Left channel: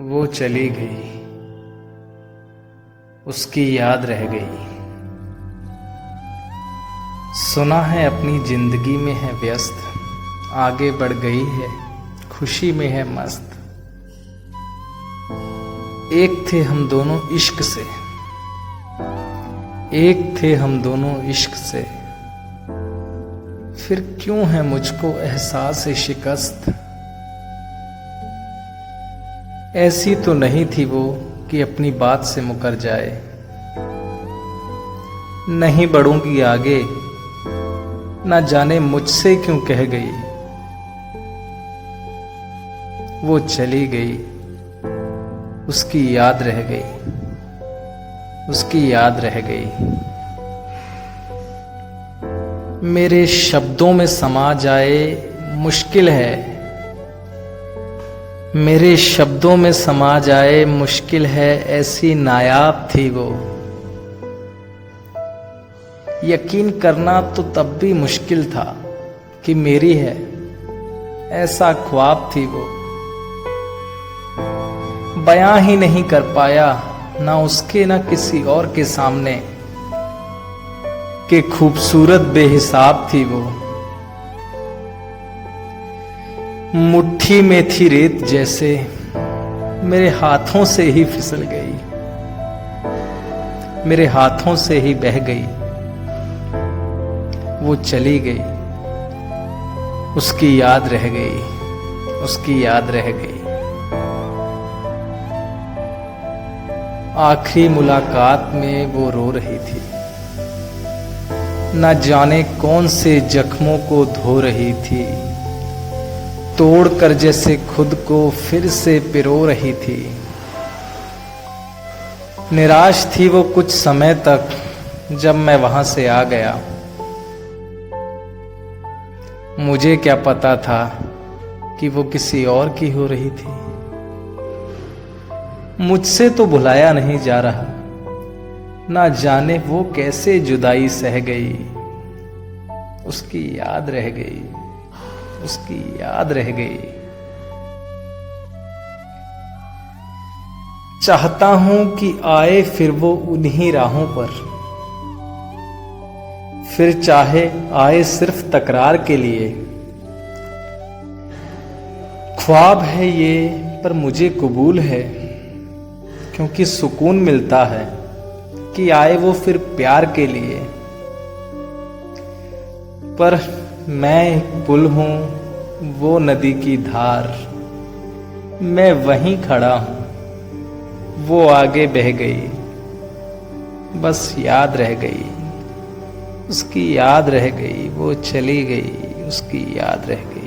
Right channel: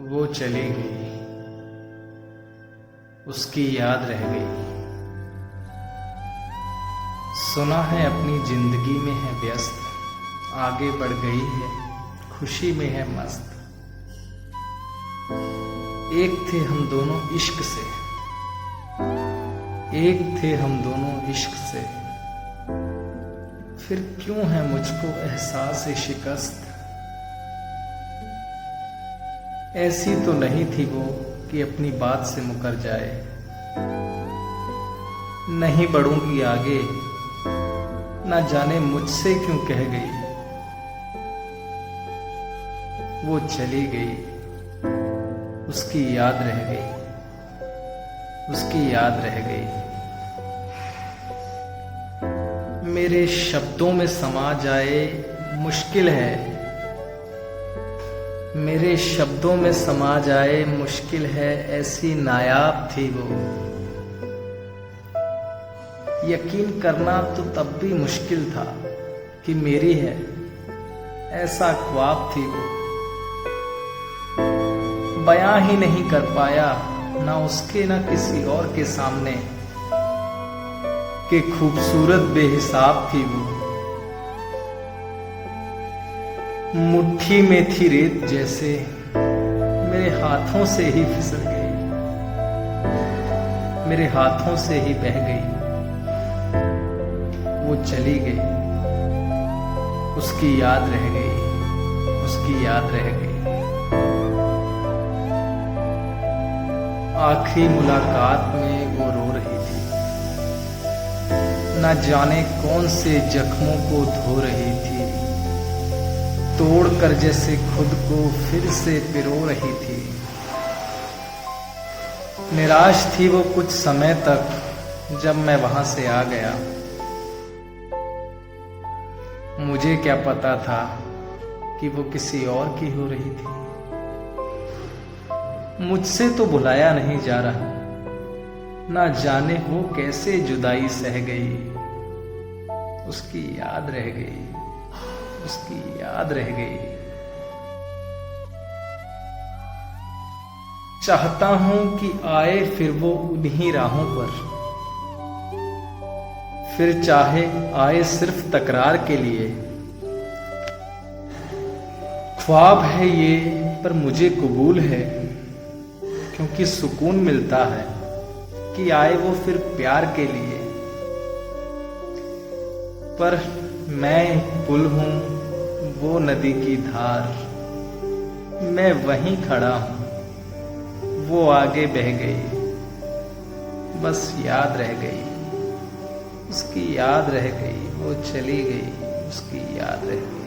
वो चली गई, उसकी याद रह गई। सुना है अपनी जिंदगी में है व्यस्त, आगे बढ़ गई है, खुशी में है मस्त। एक थे हम दोनों इश्क से, एक थे हम दोनों इश्क से, फिर क्यों है मुझको एहसास शिकस्त। ऐसी तो नहीं थी वो कि अपनी बात से मुकर जाए। नहीं बढ़ूंगी आगे, ना जाने मुझसे क्यों कह गई। वो चली गई, उसकी याद रह गई, उसकी याद रह गई। मेरे शब्दों में समा जाए मुश्किल है, मेरे शब्दों में समा जाए मुश्किल है, ऐसी नायाब थी वो। यकीन करना तो तब भी मुश्किल था कि मेरी है, ऐसा ख्वाब थी वो। बयां ही नहीं कर पाया ना उसके ना किसी और के सामने कि खूबसूरत बेहिसाब थी वो। मुट्ठी में थी रेत जैसे, मेरे हाथों से ही फिसल गई, मेरे हाथों से ही बह गई। वो चली गई, उसकी याद रह गई, उसकी याद रह गई। आखिरी मुलाकात में वो रो रही थी, न जाने कौन से जख्मों को धो रही थी। तोड़कर जैसे खुद को फिर से पिरो रही थी। निराश थी वो कुछ समय तक, जब मैं वहां से आ गया। मुझे क्या पता था कि वो किसी और की हो रही थी। मुझसे तो भुलाया नहीं जा रहा, ना जाने वो कैसे जुदाई सह गई। उसकी याद रह गई, उसकी याद रह गई। चाहता हूं कि आए फिर वो उन्हीं राहों पर, फिर चाहे आए सिर्फ तकरार के लिए। ख्वाब है ये पर मुझे कबूल है, क्योंकि सुकून मिलता है कि आए वो फिर प्यार के लिए। पर मैं एक पुल हूं, वो नदी की धार। मैं वहीं खड़ा हूं, वो आगे बह गई, बस याद रह गई, उसकी याद रह गई। वो चली गई, उसकी याद रह गई।